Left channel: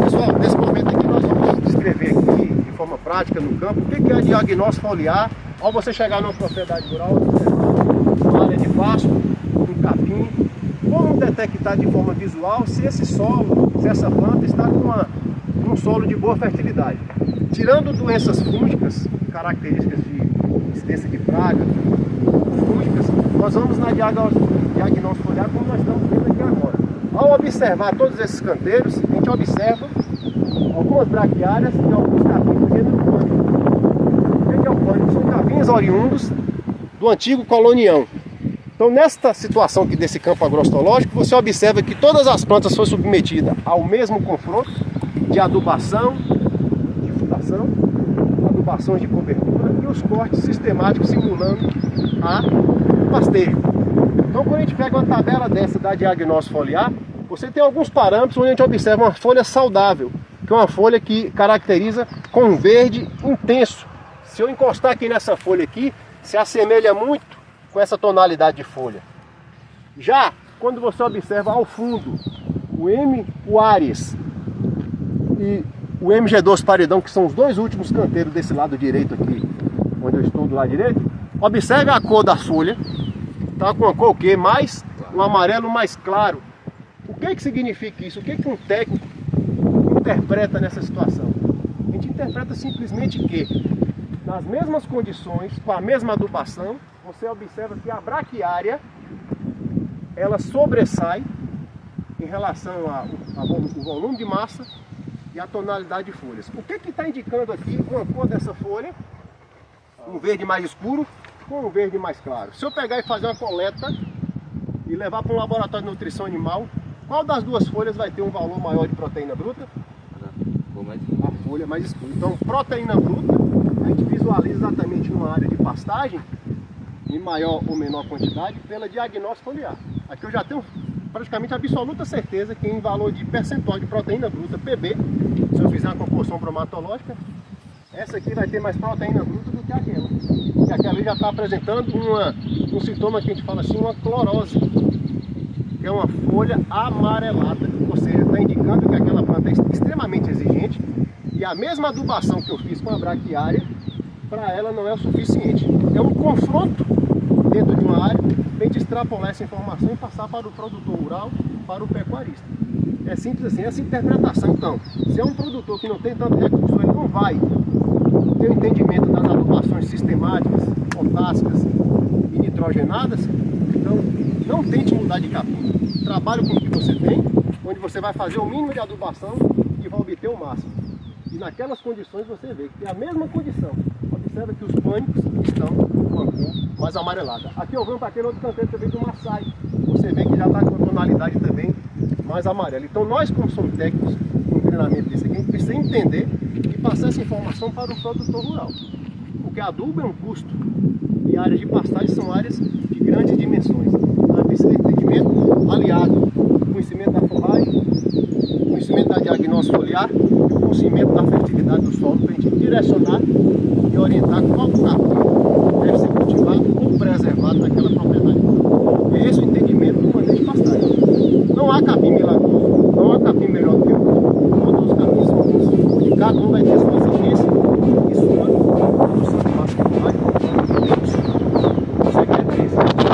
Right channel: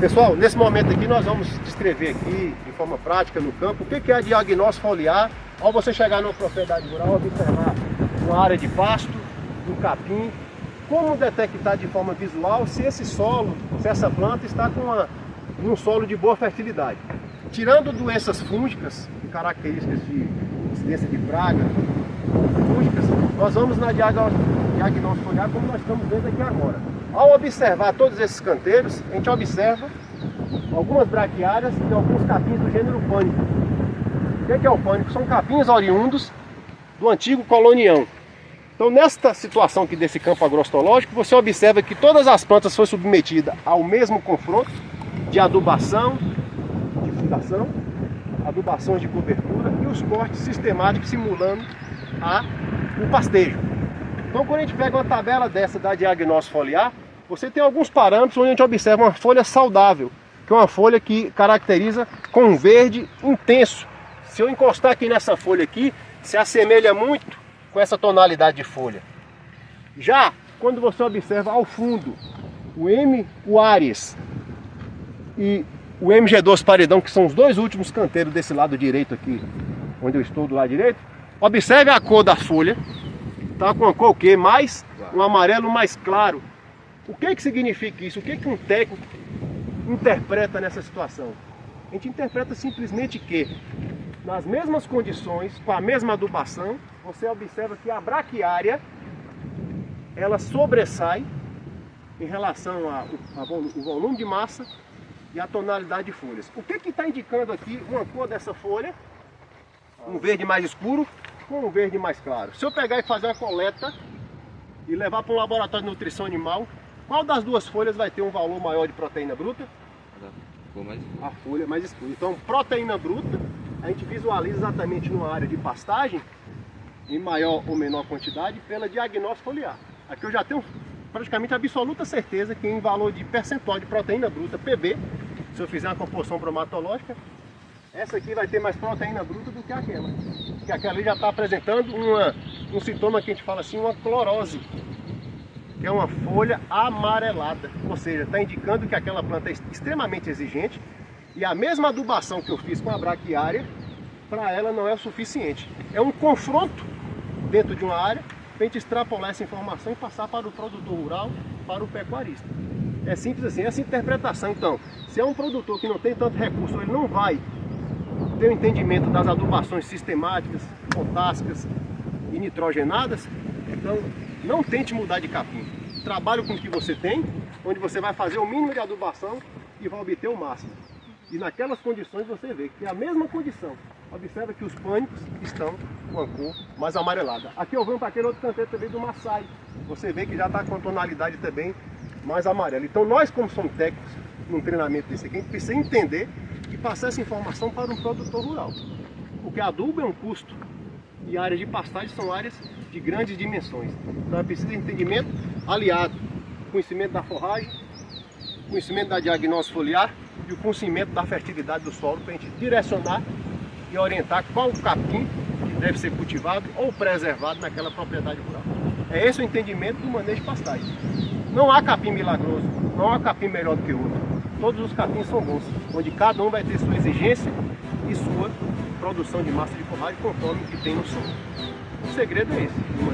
Pessoal, nesse momento aqui nós vamos descrever aqui, de forma prática no campo, o que é a diagnóstico foliar ao você chegar numa propriedade rural, observar uma área de pasto, um capim, como detectar de forma visual se esse solo, se essa planta está com um solo de boa fertilidade. Tirando doenças fúngicas, características de incidência de praga, fúngicas, nós vamos na diagnóstico foliar como nós estamos vendo aqui agora. Ao observar todos esses canteiros, a gente observa algumas braquiárias e alguns capins do gênero pânico. O que é o pânico? São capins oriundos do antigo colonião. Então, nesta situação aqui desse campo agroecológico, você observa que todas as plantas foram submetidas ao mesmo confronto de adubação, de fundação, adubações de cobertura e os cortes sistemáticos simulando o pastejo. Então, quando a gente pega uma tabela dessa da diagnóstico foliar, você tem alguns parâmetros onde a gente observa uma folha saudável, que é uma folha que caracteriza com um verde intenso. Se eu encostar aqui nessa folha aqui, se assemelha muito com essa tonalidade de folha. Já quando você observa ao fundo o Aries e o MG2 paredão, que são os dois últimos canteiros desse lado direito aqui, onde eu estou do lado direito, observe a cor da folha, tá com uma cor o quê? Mais um amarelo mais claro. O que significa isso? O que um técnico interpreta nessa situação? A gente interpreta simplesmente que nas mesmas condições, com a mesma adubação, você observa que a braquiária ela sobressai em relação ao volume de massa e a tonalidade de folhas. O que está indicando aqui uma cor dessa folha? Um verde mais escuro com um verde mais claro. Se eu pegar e fazer uma coleta e levar para um laboratório de nutrição animal, qual das duas folhas vai ter um valor maior de proteína bruta? A folha mais escura. Então, proteína bruta, a gente visualiza exatamente numa área de pastagem, em maior ou menor quantidade, pela diagnóstico foliar. Aqui eu já tenho praticamente absoluta certeza que em valor de percentual de proteína bruta, PB, se eu fizer uma composição bromatológica, essa aqui vai ter mais proteína bruta do que aquela. Porque aquela ali já está apresentando um sintoma que a gente fala assim, uma clorose, que é uma folha amarelada. Ou seja, está indicando que aquela planta é extremamente exigente e a mesma adubação que eu fiz com a braquiária, para ela não é o suficiente. É um confronto dentro de uma área para a gente extrapolar essa informação e passar para o produtor rural, para o pecuarista. É simples assim, essa interpretação. Então, se é um produtor que não tem tanto recurso, ele não vai ter o entendimento das adubações sistemáticas, potássicas e nitrogenadas, então não tente mudar de capim. Trabalhe com o que você tem, onde você vai fazer o mínimo de adubação e vai obter o máximo. E naquelas condições você vê que é a mesma condição. Observa que os pânicos estão com a cor mais amarelada. Aqui eu venho para aquele outro canteiro também do Maçai. Você vê que já está com a tonalidade também mais amarela. Então nós, como somos técnicos, num treinamento desse aqui, a gente precisa entender e passar essa informação para o produtor rural. Porque adubo é um custo e áreas de pastagem são áreas de grandes dimensões. Então precisa de entendimento aliado ao conhecimento da forragem, conhecimento da diagnóstico foliar e o conhecimento da fertilidade do solo para a gente direcionar e orientar qual capim deve ser cultivado ou preservado naquela propriedade rural. É esse o entendimento do manejo de pastagem. Não há capim milagroso, não há capim melhor do que o outro. Todos os capins são bons, onde cada um vai ter sua exigência e sua produção de massa de forragem conforme o que tem no solo. O segredo é esse.